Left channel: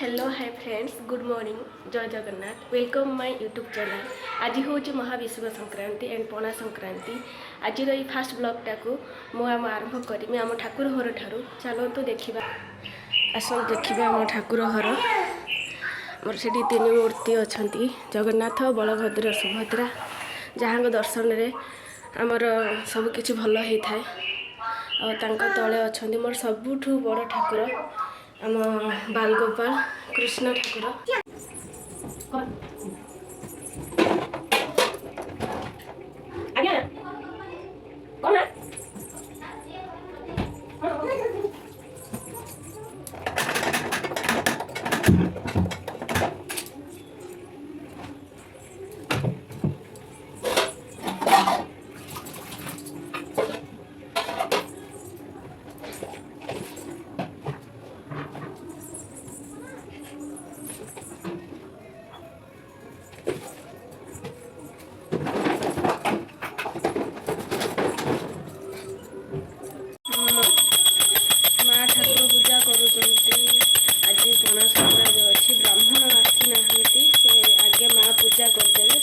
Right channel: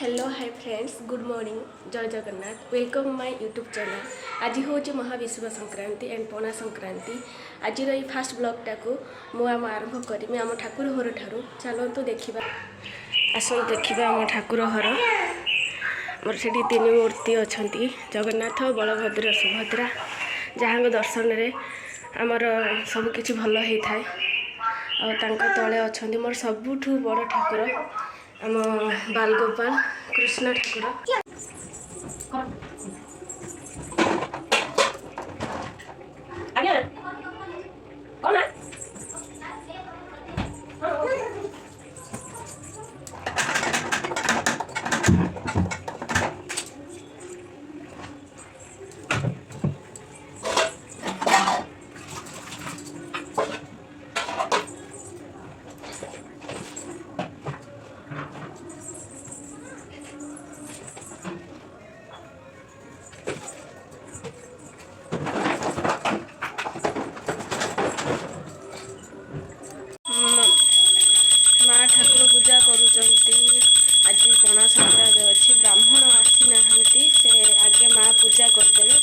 Hello hi friends good morning जय Jagannath welcome my YouTube channel. आज हूँ महाविश्व संक्रांति एंड पणा संक्रांति। आज ये फास्ट ब्लॉगटा को मुझे आरंभ करी आम ठाकुर घर ठारू चलतु देखा आसतु देखा आम ठाकुर घर मोर से तीन मूर्ति अच्छा जगन्नाथ बलभद्र सुभद्रा जहाँ दर्शन रे आमर सबकि भल होता है। तले अच्छा मोर सबुठ बड़ ठाकुर आम बालगोपाल कृष्ण ठाकुर। आज पणा संक्रांति अच्छी ब्राह्मण आसी ना से आगे माँ पूजा करदेवी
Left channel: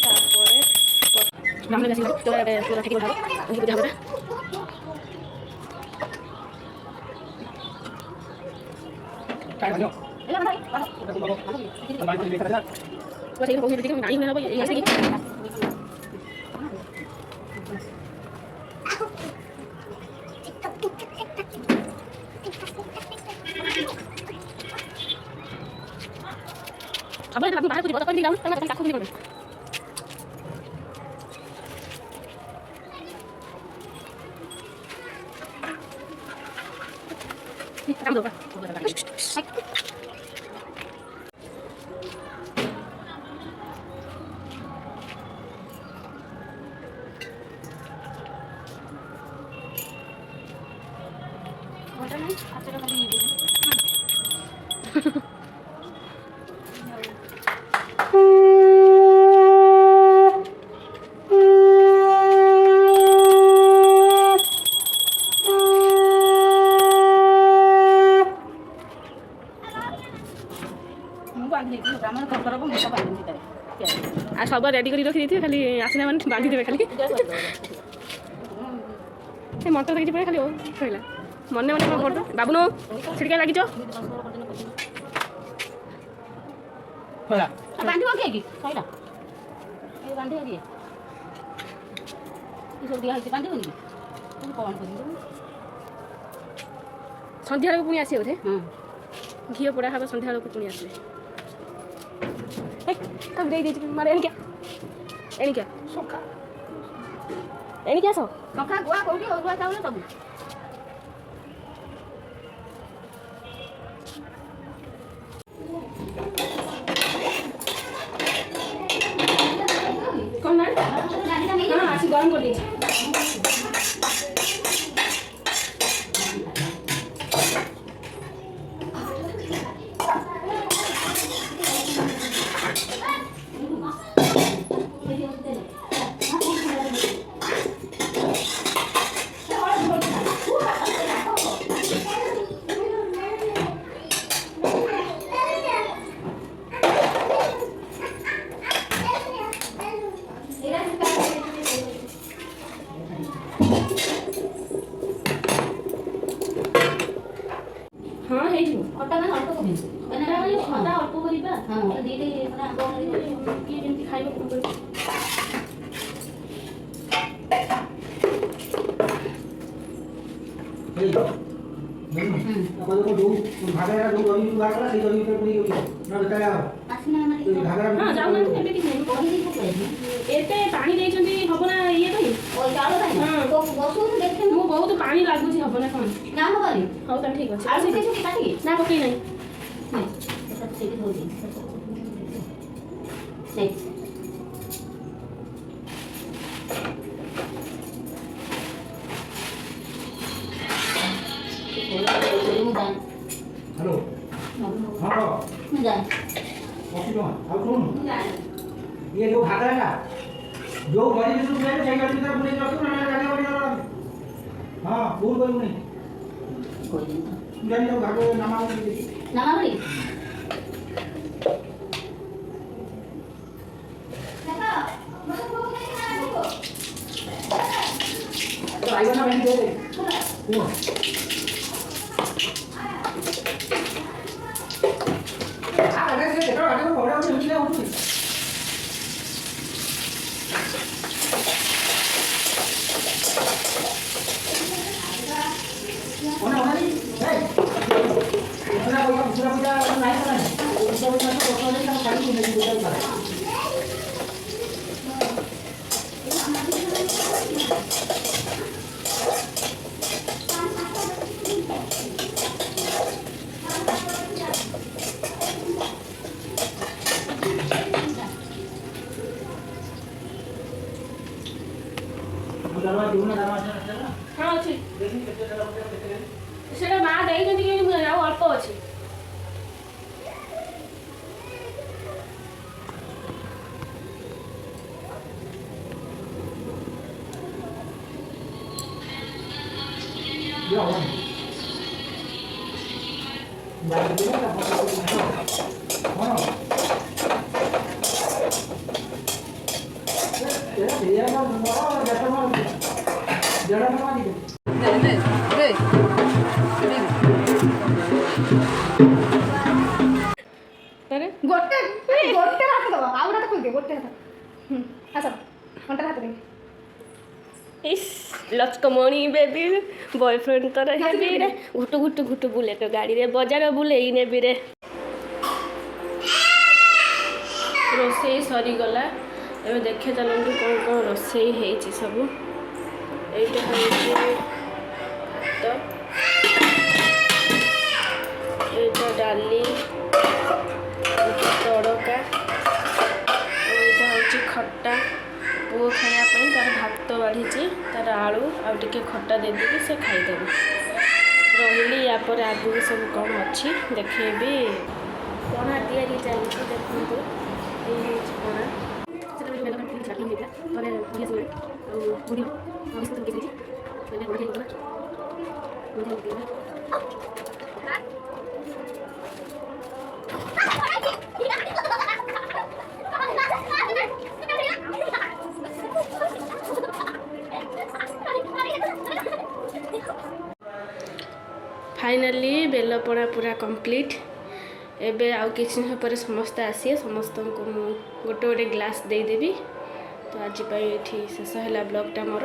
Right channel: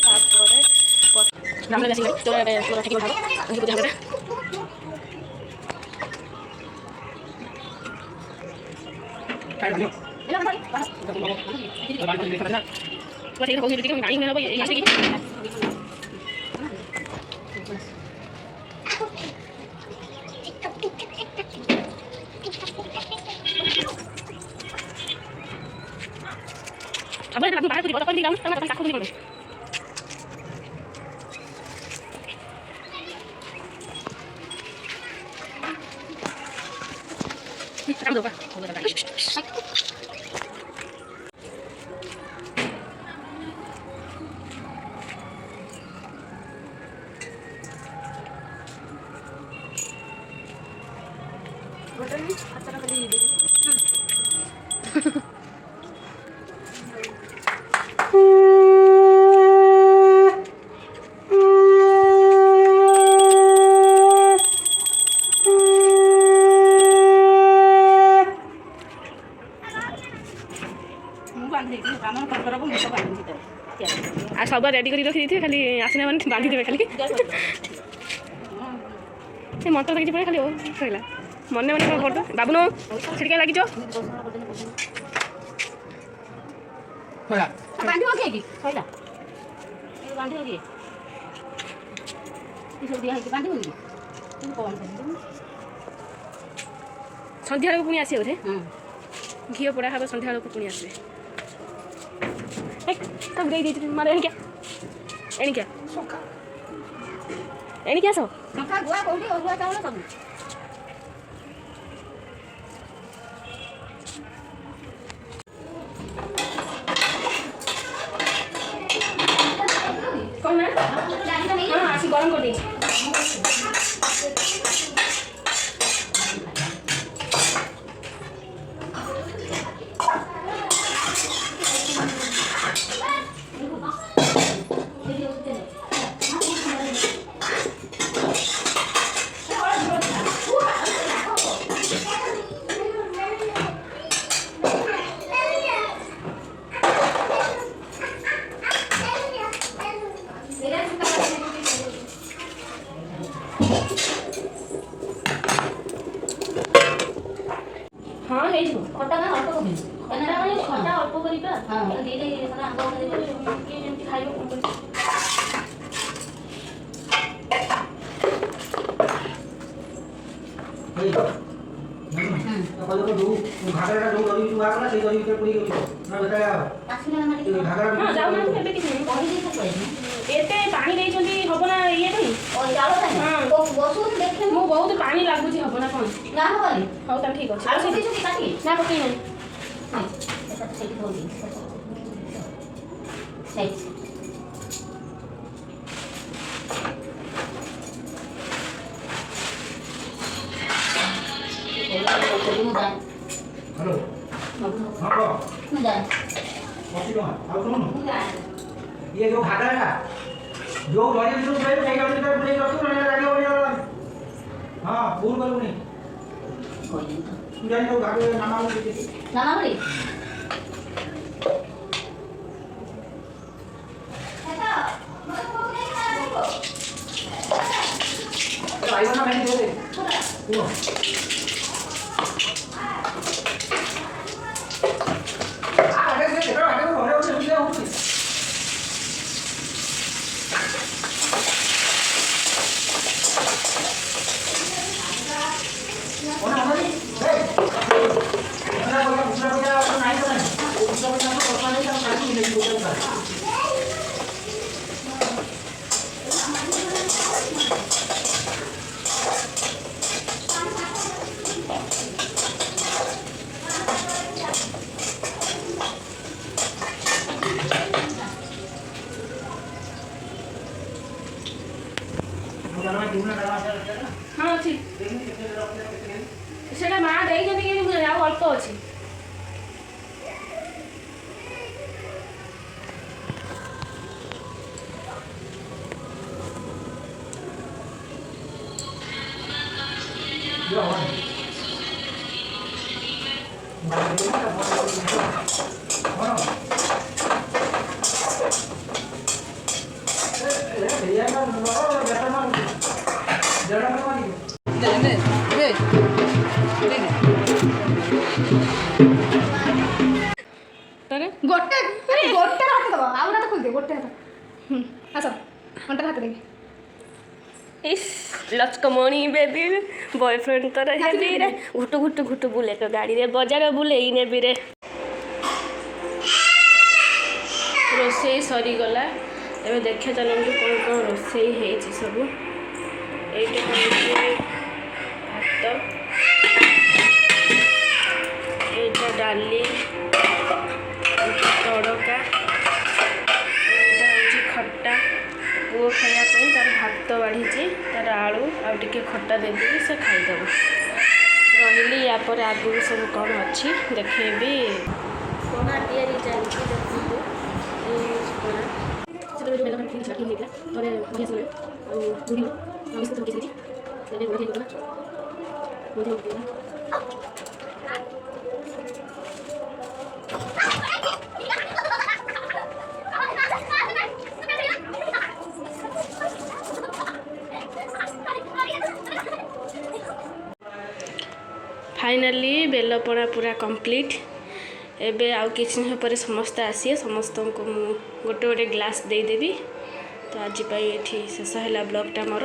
अब aku bahas di kota di dalam sama takut di mana. Kamu lupa. Acara kali ini. आज सब रेडी कर रखी थी खाली आसना मैंने बांधी देवे खाली मंत्र देखी पड़े खाली सर मन मन कर बाबू नो छिड़का लगी सन्ध्या पुणी आसे बोधे घी पोड़ा हम सन्ध्या पुणी आसे तब दे दीजिए मारे एनी क्या सो सखा गुआ कोठी ओगुआ चावल सब कौन ना हां आसी गरम कर दीजिए हाँ है जो खट्टा ना अल्प कमी एना नहीं खट्टा अल्प करिबा हां दीदी माने आंबा माने के जेंति खाइबो कोन ए अपन को दो घागरा दो गरी तू आकला से गरी भीतर पुरी गयो ना बताया आसिना माने घागरा हां जाऊ ना एबे कि नहीं एते पानी देई छथि हबना ये नहीं ओ जालो ताई हां बसु देखे मो बहुत पानी लागु छी हबना कोन ना होबनी हो त ठीक अछि आलू देछि काटी ना पकई नहीं नहीं एटा ठीक हो दी सही हेलो हां मुदान कॉफी लो और कौन ये जो घाघरा का जो गरीब लोग है चाहिए उसी तरह पूरे रखो ना लगे बढ़िया हां भूल करू नहीं कोई नहीं तो जानी तो घाघरा नामा बोली ହଁ ଅଛି ସେଟା ମା ଦେଇଛନ୍ତି କି ଆଉ ଅଳ୍ପ ଅଛି। ତାରେ ଗୋଟେ ଗୋଟେ ହାତ ଦବ ଆଉ ଗୋଟେ ଖୋଲିଦେ ଗୋଟେ ହାତ ଆସ ଘଣ୍ଟା ହାତ ଦେଖେ इस लचकमणी बेबी बॉयफ्रेंड तो हेबी रे घुटु घुटु घुटु बुले तो गाड़ी रे बजार बुले नेबी रे रोसई सरीगला एवं देखे चलती कौन कौन रोसई है सब ये भात ये डाली तड़का यहाँ हूँ खट्टा पुओ खायापी तार भात बाढ़ी तार आलू आउ टे खट्टा देदेवी से खाईदेव रही यापर आगू सब कौन अच्छी देखेबी पणा तैयारी चलती देखो फाइनाली बेलपड़ा पूरा कंप्लीट एबे आउ किसी समय पर समस्ते आसिए समस्त को गोटे गोटे ग्लास देदेवी तो आज ये शेष है ब्लॉगटा मोर।